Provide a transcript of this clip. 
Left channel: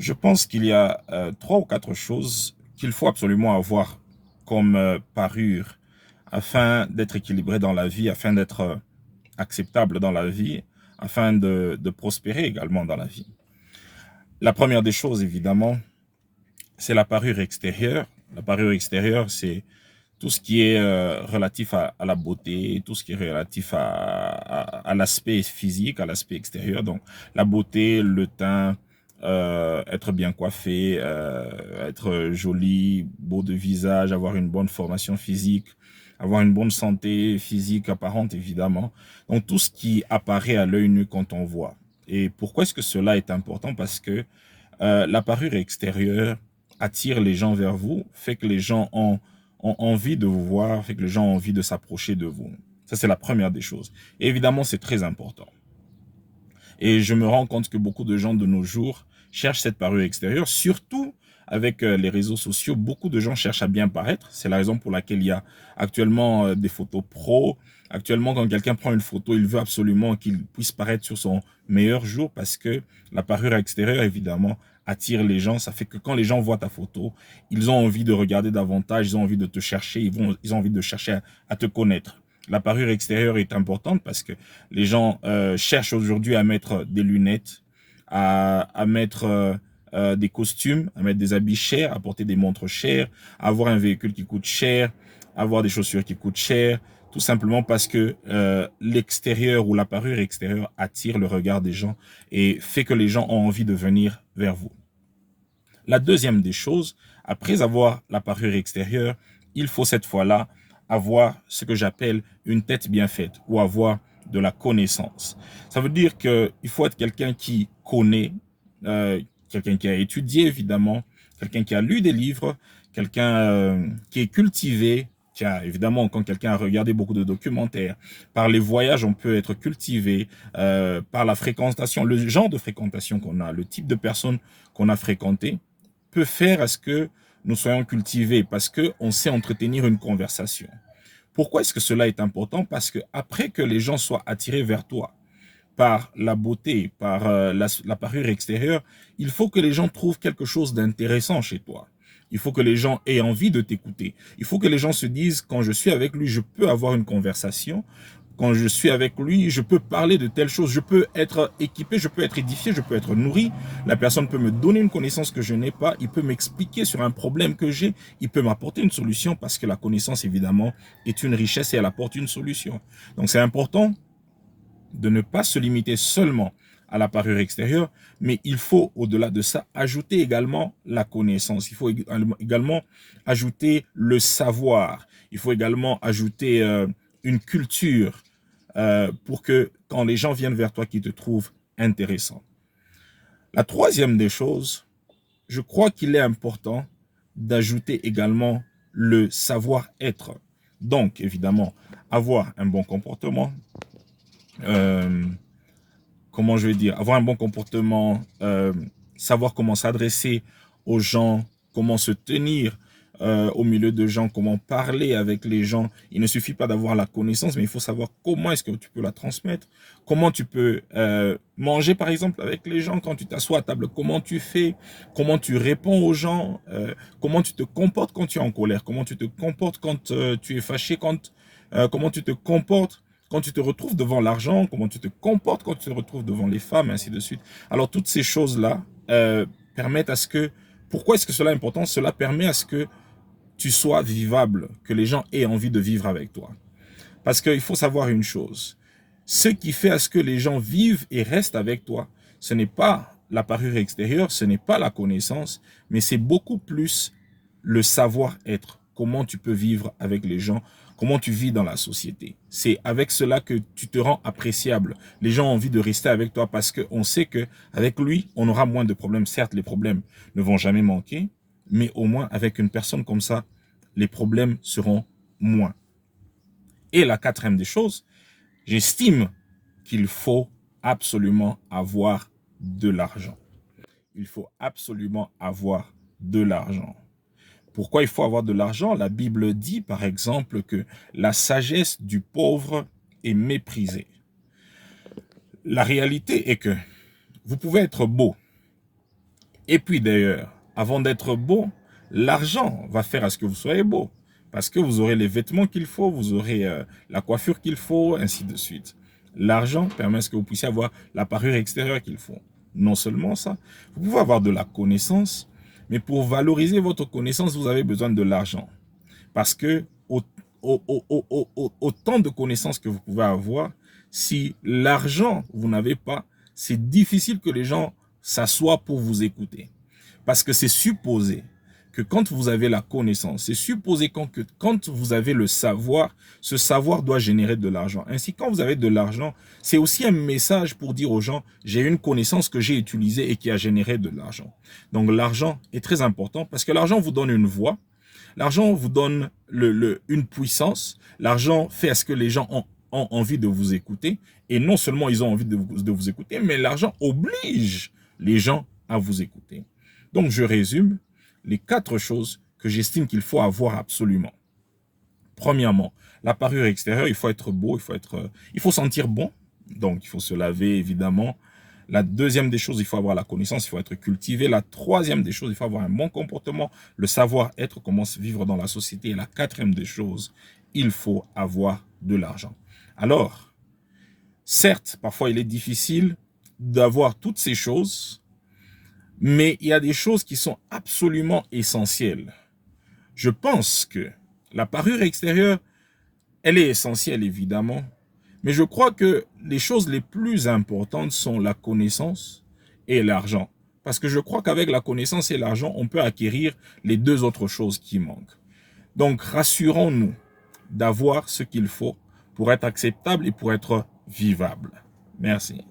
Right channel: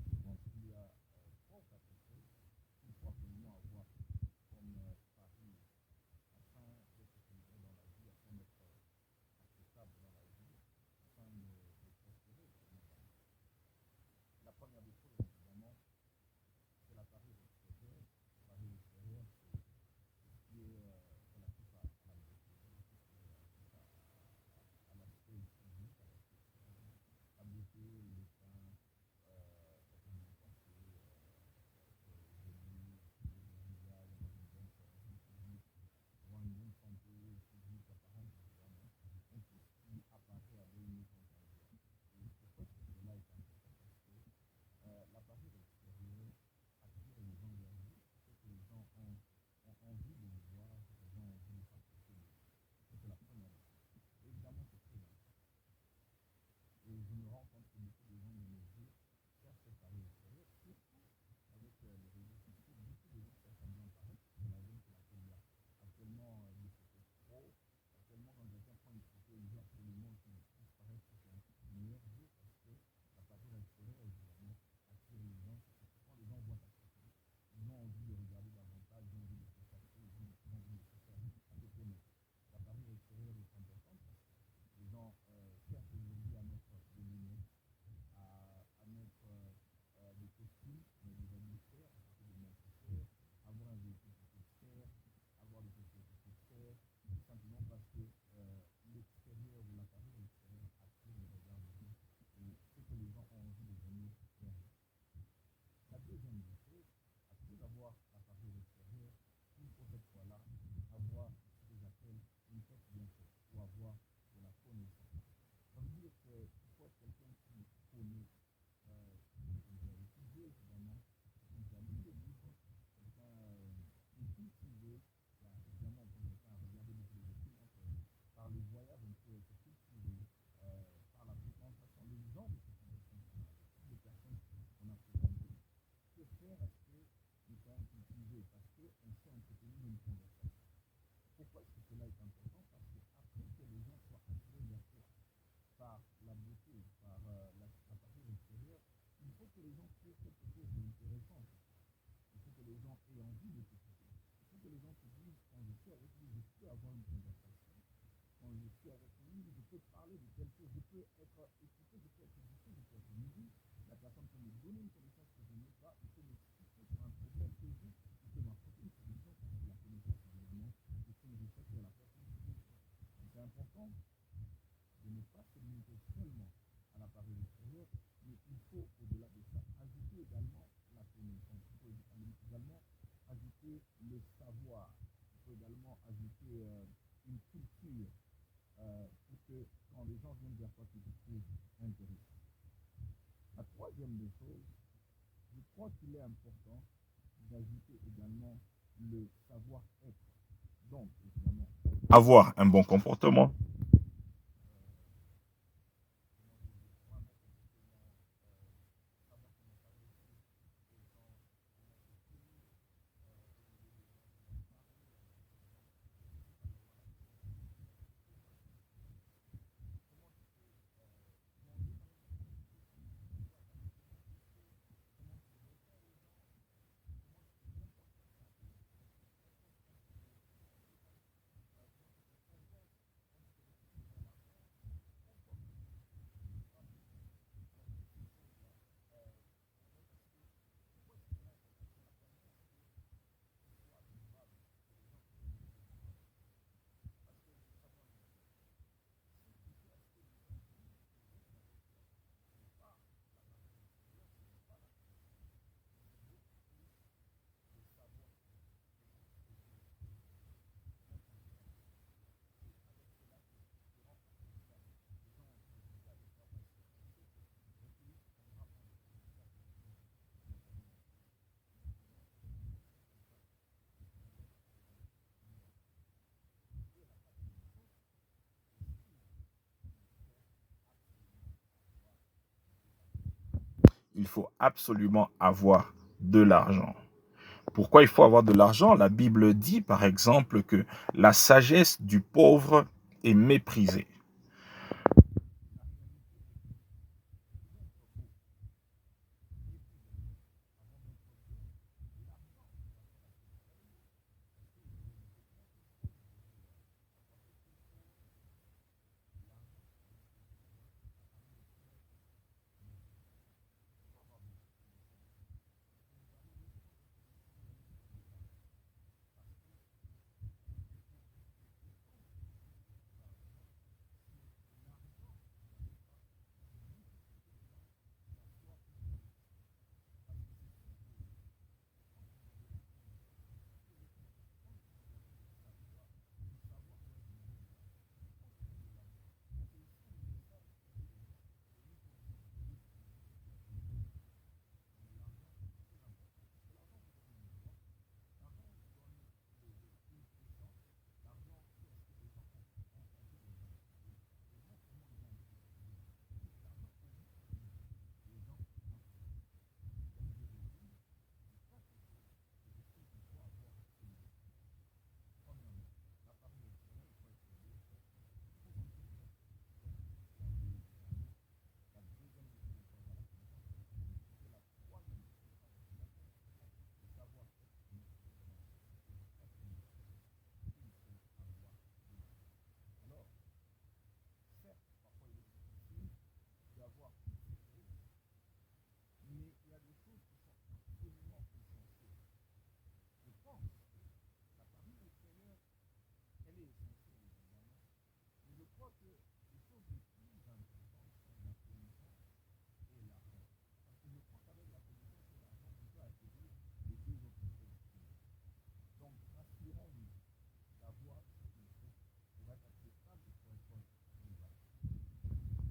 Je pense qu'il y a trois ou quatre choses qu'il faut absolument avoir comme parure afin d'être équilibré dans la vie, afin d'être acceptable dans la vie, afin de prospérer également dans la vie. La première des choses, évidemment, c'est la parure extérieure. La parure extérieure, c'est tout ce qui est relatif à la beauté, tout ce qui est relatif à l'aspect physique, à l'aspect extérieur. Donc, la beauté, le teint, être bien coiffé, être joli, beau de visage, avoir une bonne formation physique, avoir une bonne santé physique apparente, évidemment. Donc, tout ce qui apparaît à l'œil nu quand on voit. Et pourquoi est-ce que cela est important? Parce que la parure extérieure attire les gens vers vous, fait que les gens ont envie de vous voir, fait que les gens ont envie de s'approcher de vous. Ça, c'est la première des choses. Et évidemment, c'est très important. Et je me rends compte que beaucoup de gens de nos jours cherchent cette parure extérieure, surtout avec les réseaux sociaux. Beaucoup de gens cherchent à bien paraître. C'est la raison pour laquelle il y a actuellement des photos pro. Actuellement, quand quelqu'un prend une photo, il veut absolument qu'il puisse paraître sur son meilleur jour parce que la parure extérieure, évidemment, attire les gens. Ça fait que quand les gens voient ta photo, ils ont envie de regarder davantage, ils ont envie de te chercher, ils ont envie de chercher à te connaître. La parure extérieure est importante parce que les gens cherchent aujourd'hui à mettre des lunettes, à mettre des costumes, à mettre des habits chers, à porter des montres chères, à avoir un véhicule qui coûte cher, à avoir des chaussures qui coûtent cher, tout simplement parce que l'extérieur ou la parure extérieure attire le regard des gens et fait que les gens ont envie de venir vers vous. La deuxième des choses, après avoir la parure extérieure, il faut cette fois-là avoir ce que j'appelle une tête bien faite ou avoir de la connaissance. Ça veut dire qu'il faut être quelqu'un qui connaît, euh, quelqu'un qui a étudié évidemment, quelqu'un qui a lu des livres, quelqu'un qui est cultivé, qui a évidemment, quand quelqu'un a regardé beaucoup de documentaires, par les voyages, on peut être cultivé, par la fréquentation, le genre de fréquentation qu'on a, le type de personnes qu'on a fréquenté peut faire à ce que nous soyons cultivés parce qu'on sait entretenir une conversation. Pourquoi est-ce que cela est important? Parce que après que les gens soient attirés vers toi par la beauté, par la parure extérieure, il faut que les gens trouvent quelque chose d'intéressant chez toi. Il faut que les gens aient envie de t'écouter. Il faut que les gens se disent, quand je suis avec lui, je peux avoir une conversation. Quand je suis avec lui, je peux parler de telles choses, je peux être équipé, je peux être édifié, je peux être nourri. La personne peut me donner une connaissance que je n'ai pas, il peut m'expliquer sur un problème que j'ai, il peut m'apporter une solution parce que la connaissance, évidemment, est une richesse et elle apporte une solution. Donc c'est important de ne pas se limiter seulement à la parure extérieure, mais il faut, au-delà de ça, ajouter également la connaissance. Il faut également ajouter le savoir. Il faut également ajouter une culture pour que quand les gens viennent vers toi, qu'ils te trouvent intéressant. La troisième des choses, je crois qu'il est important d'ajouter également le savoir-être. Donc, évidemment, avoir un bon comportement, euh, comment je vais dire, avoir un bon comportement, savoir comment s'adresser aux gens, comment se tenir au milieu de gens, comment parler avec les gens. Il ne suffit pas d'avoir la connaissance, mais il faut savoir comment est-ce que tu peux la transmettre, comment tu peux manger par exemple avec les gens quand tu t'assois à table, comment tu fais, comment tu réponds aux gens, comment tu te comportes quand tu es en colère, comment tu te comportes quand tu es fâché, comment tu te comportes quand tu te retrouves devant l'argent, comment tu te comportes quand tu te retrouves devant les femmes, ainsi de suite. Alors, toutes ces choses-là permettent à ce que... Pourquoi est-ce que cela est important? Cela permet à ce que tu sois vivable, que les gens aient envie de vivre avec toi. Parce qu'il faut savoir une chose. Ce qui fait à ce que les gens vivent et restent avec toi, ce n'est pas la parure extérieure, ce n'est pas la connaissance, mais c'est beaucoup plus le savoir-être. Comment tu peux vivre avec les gens, comment tu vis dans la société. C'est avec cela que tu te rends appréciable. Les gens ont envie de rester avec toi parce qu'on sait qu'avec lui, on aura moins de problèmes. Certes, les problèmes ne vont jamais manquer, mais au moins avec une personne comme ça, les problèmes seront moins. Et la quatrième des choses, j'estime qu'il faut absolument avoir de l'argent. Il faut absolument avoir de l'argent. Pourquoi il faut avoir de l'argent? La Bible dit par exemple que la sagesse du pauvre est méprisée. La réalité est que vous pouvez être beau Et puis d'ailleurs, avant d'être beau, l'argent va faire à ce que vous soyez beau. Parce que vous aurez les vêtements qu'il faut, vous aurez la coiffure qu'il faut, ainsi de suite. L'argent permet à ce que vous puissiez avoir la parure extérieure qu'il faut. Non seulement ça, vous pouvez avoir de la connaissance, mais pour valoriser votre connaissance, vous avez besoin de l'argent. Parce que autant de connaissances que vous pouvez avoir, si l'argent, vous n'avez pas, c'est difficile que les gens s'assoient pour vous écouter. Parce que c'est supposé que quand vous avez la connaissance, c'est supposé que quand vous avez le savoir, ce savoir doit générer de l'argent. Ainsi, quand vous avez de l'argent, c'est aussi un message pour dire aux gens, j'ai une connaissance que j'ai utilisée et qui a généré de l'argent. Donc l'argent est très important parce que l'argent vous donne une voix, l'argent vous donne une puissance, l'argent fait à ce que les gens ont envie de vous écouter, et non seulement ils ont envie de vous écouter, mais l'argent oblige les gens à vous écouter. Donc je résume les 4 choses que j'estime qu'il faut avoir absolument. Premièrement, la parure extérieure, il faut être beau, il faut sentir bon, donc il faut se laver évidemment. La deuxième des choses, il faut avoir la connaissance, il faut être cultivé. La troisième des choses, il faut avoir un bon comportement, le savoir-être, comment se vivre dans la société. Et la quatrième des choses, il faut avoir de l'argent. Alors, certes, parfois il est difficile d'avoir toutes ces choses, mais il y a des choses qui sont absolument essentielles. Je pense que la parure extérieure, elle est essentielle évidemment, mais je crois que les choses les plus importantes sont la connaissance et l'argent. Parce que je crois qu'avec la connaissance et l'argent, on peut acquérir les 2 autres choses qui manquent. Donc rassurons-nous d'avoir ce qu'il faut pour être acceptable et pour être vivable. Merci.